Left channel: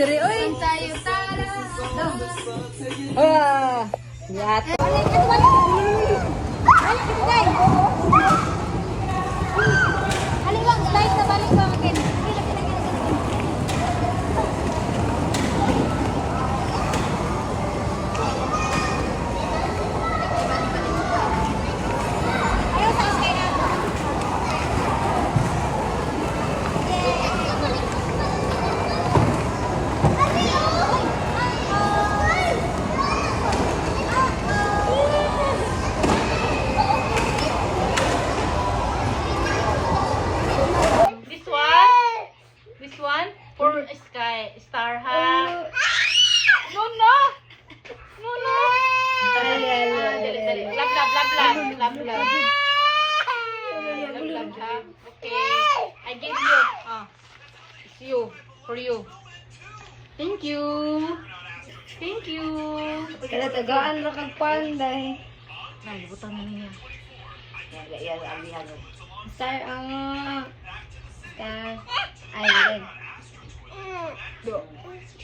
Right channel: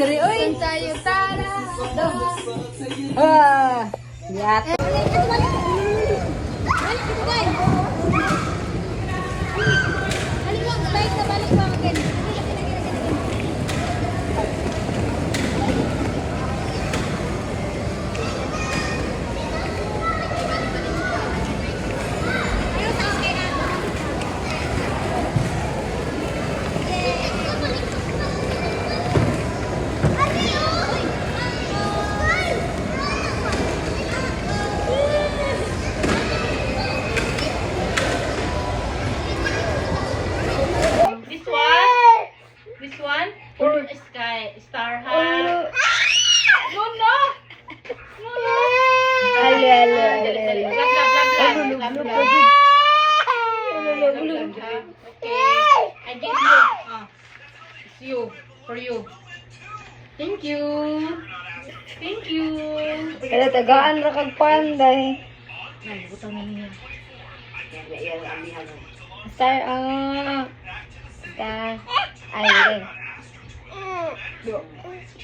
dali, oy. Tayo, tara. Yat. Balik lang, balik na balik ba again? This one for Star Hub. No, no. No, no. Ale. Blah, blah, blah, blah, blah, blah. Okay. I gave you. It's you. For you. Thank you. Thank you. Kaya tagaan ra kag panday. Nay, butang na niya. Star, Star. Ay, din.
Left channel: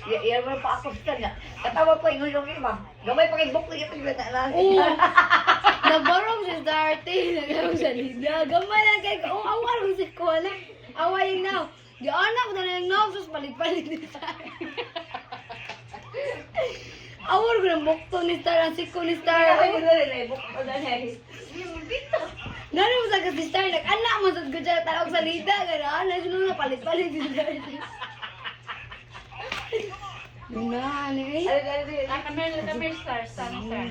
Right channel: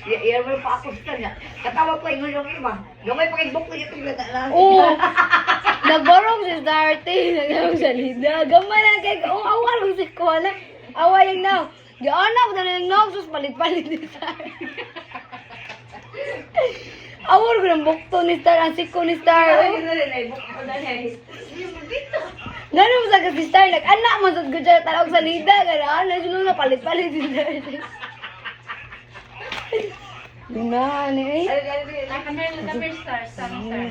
Yan mo pa ako sa kanya. Katawa pa ingon yung iba. Gamay pa kay book na yung lang. Oo. Nagbarong si Darty. Nagbarong sa Lida. Gamay lang kay... Oh, awal si Kola. Awa yung now. Di anak na yung now. Sus, palit-palit ni Star. Awal ko ng bukto ni Star. Ang siko ni Star. Nano mo sa si Star. Nag-anak mo sa gudya. Talawag sa Lida. Gano'n. Nagsunod na palit-palit si Star. Yun na, ano eh. Number star. Siya man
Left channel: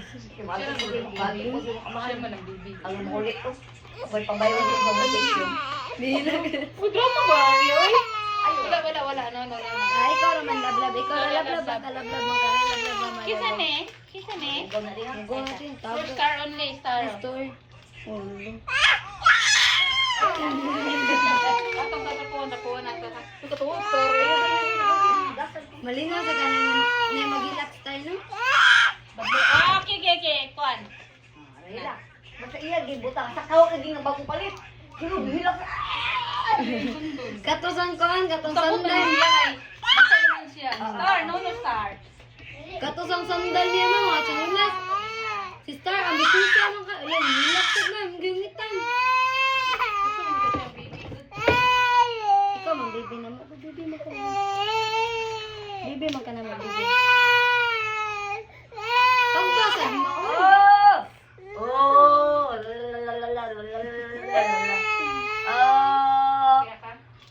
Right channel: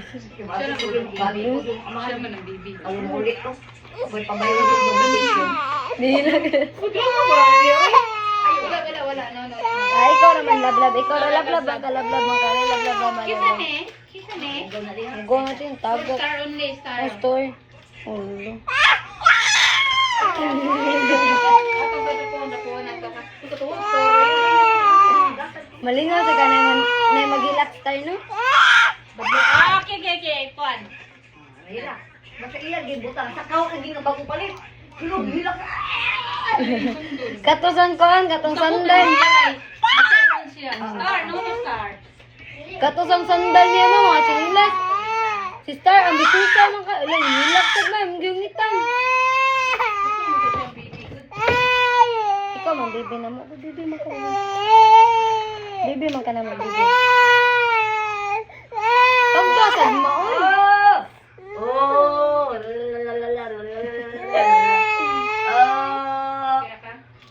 ang baby. Ang mulit ko. May pabayo sa pagbatik. Di lang. Wala. No. Ah, ikaw naman lablab. Ikaw na lablab. Baka lablab man ka. Lablab man. Kita ne. Ang go natin. Tagat. Star only, star. Ang store. Ulo. Malingaw sa ka naman. May magilak tayo, no? Okay. Kuan. Hila. Masa iya gibutang sa kaw kag nga bago palit. Sino hila ka? Katusan koan. Katong sandan. Star, no star. Katosang sandal niya mo. Mga singlet. Si Star. Ang bisita mo ka. Alam, hilak sa ba. Ang gingitan. Ikaw man, baby na mo. Baby man ka naman. Baby man ka naman, baby. Pagbasan mo, oy. Oh.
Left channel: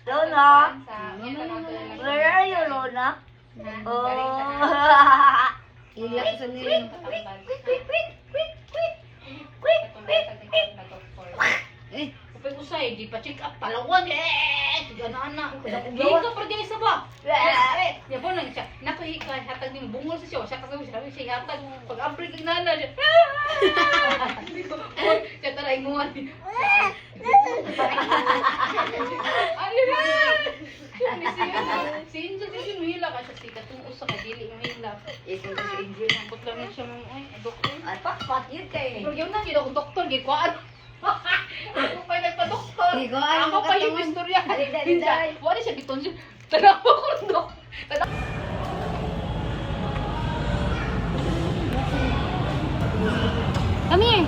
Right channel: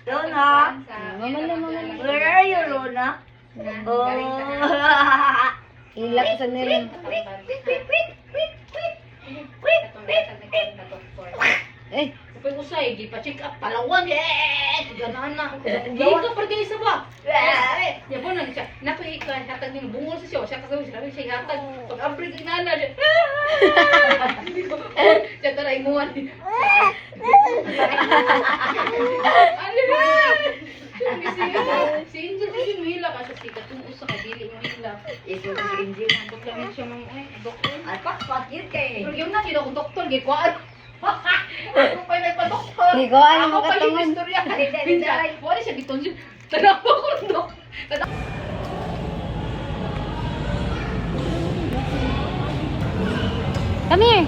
Lona. Maman. Where are you, Lona? Oh. Hilak sa nila. Eh, Kapag usay, di pa check up, palawag ganaan na. Dito pa guys ba? Ya po nang siya. Nakuha hatag ng bungol sa siya. Siya kasi siya hatag. Pag abrig inana siya. Siya taray mo ani. Ano ba? Si Angel kasi mahila ka sa sikat. Kung usa ka dili mahila. Ito na si Angel. Ambot lang siya ng ay doktor. Ay, pakpak yun kay. Pero yun na kino kung doktor gikuan. Ako pa nagpa-doktor. Iguan mo Ako pa yung katungon. istorya. Dali. Wala siya gikonsul. Tanaw ko ng doktor. Come here.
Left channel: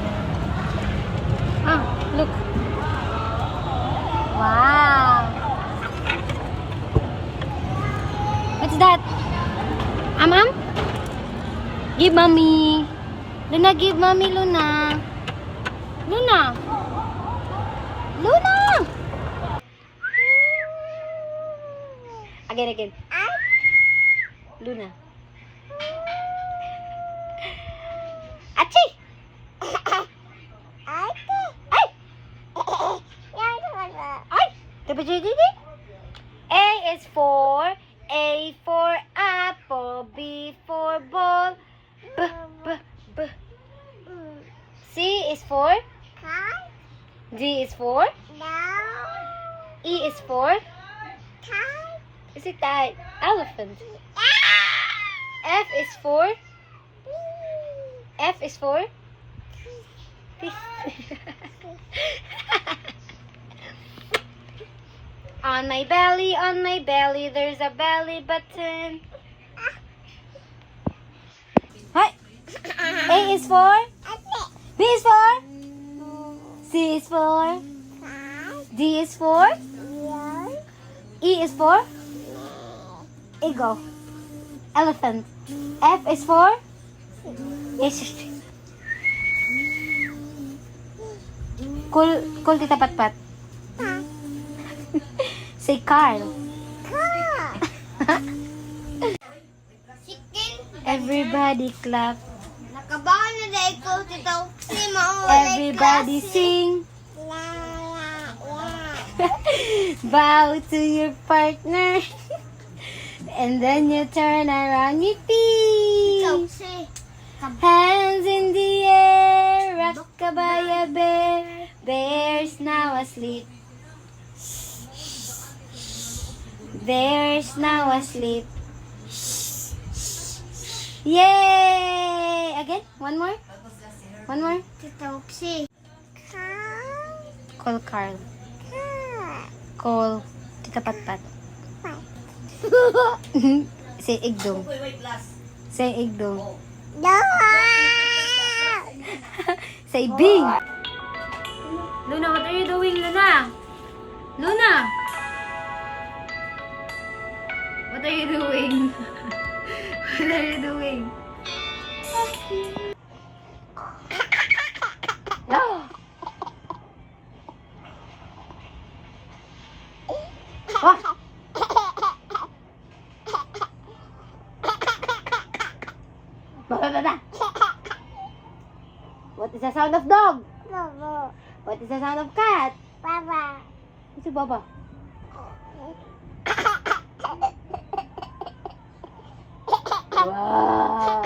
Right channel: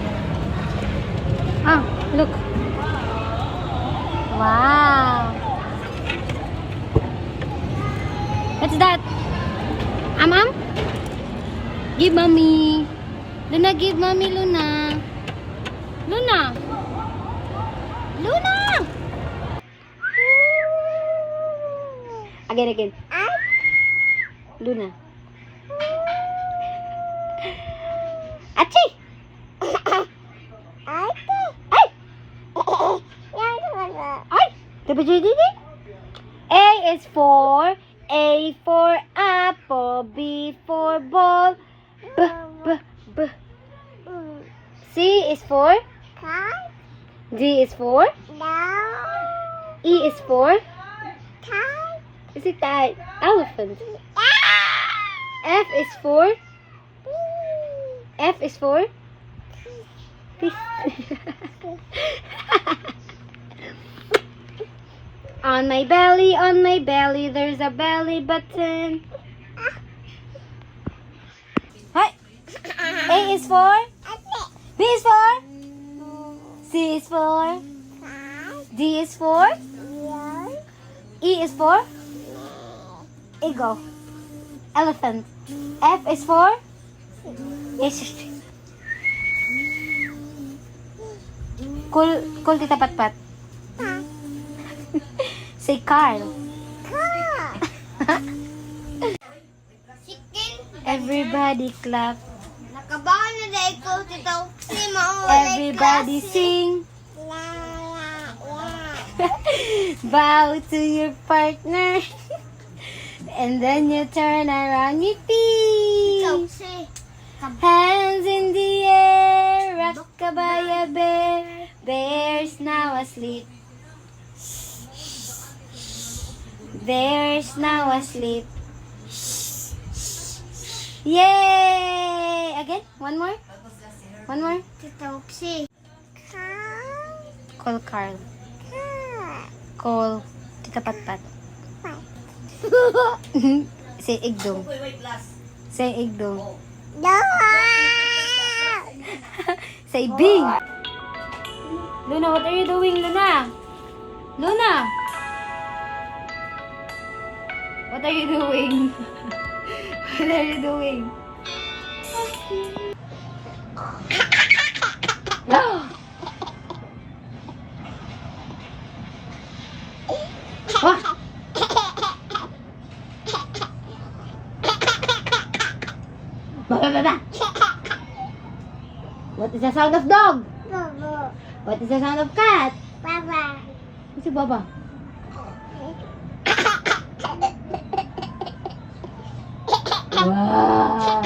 Look. Wow. What's that? Mom? Give mommy. Luna, give mommy, Luna. Luna. Again. Luna. Achi. A is for apple, B for ball, B. C is for D is for E is for is it elephant? F is for On my belly, there's a belly button. Hi. A is for? B is for? C is for? D is for? E is for? Eagle. Elephant. F is for? Yes. Cool Tita Patpat. Say Carl. Everybody clap. Nakabahan na dahil ko dito. Si Everybody sing. Bow to your partner. And then you turn around your feet. Hands in the air. Rockabye bear. Bear's now asleep. Bear's now asleep. Yay! Again? One more? One more? Call Carl. Call Tita Patpat. Say Igdong. Say Igdong. Say Bing. Luna, what are you doing, Luna? Luna! What are you doing? What are you doing? Ah! What is the sound of dog? What is the sound of cat? What's a baba? Wow.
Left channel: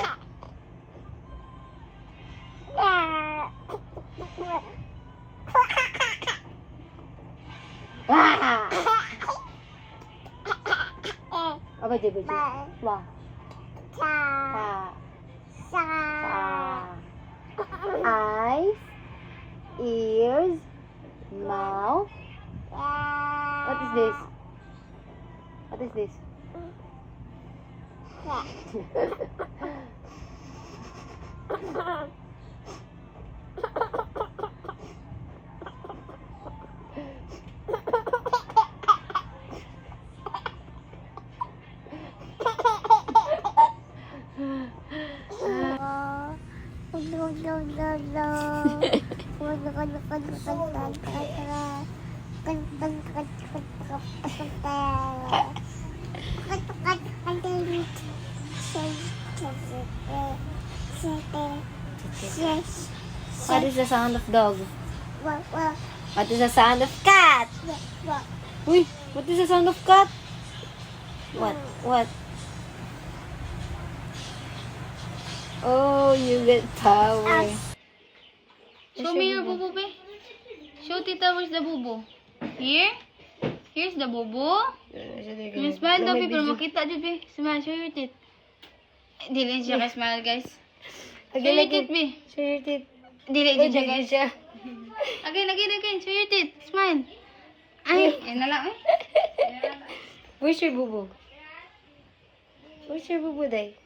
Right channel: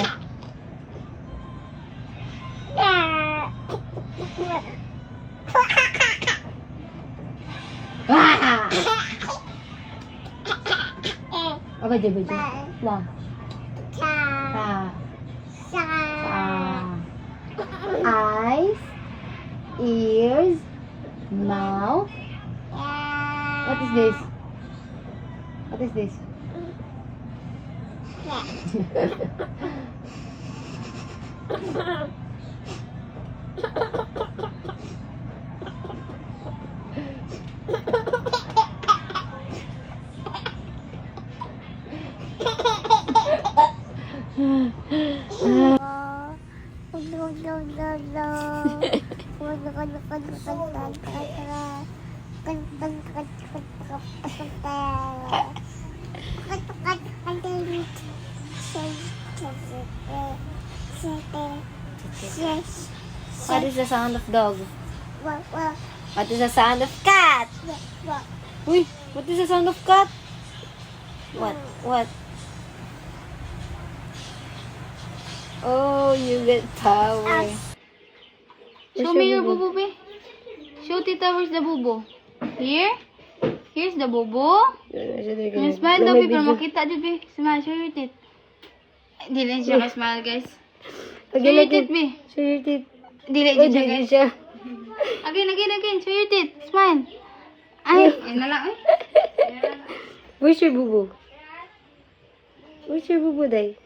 Apa je baju? Wah. Eyes, ears, mouth. What is this? What is this? What is the sound of dog? What is the sound of cat? Uy, what is the sound of cat? What? Oh, you get power. Show me the bubo, be. Show Tita, where's the bubo? Here? Here's the bubo. And smile daw, be, para makita dito, be. Smile, show your teeth. Dili siya ka-smile, guys. Show your teeth, be. Show your teeth. Dili siya, guys. Again. Show your teeth. Smile. Ay, yun na lang, eh. Where's your bubo? Where's your bubo, day?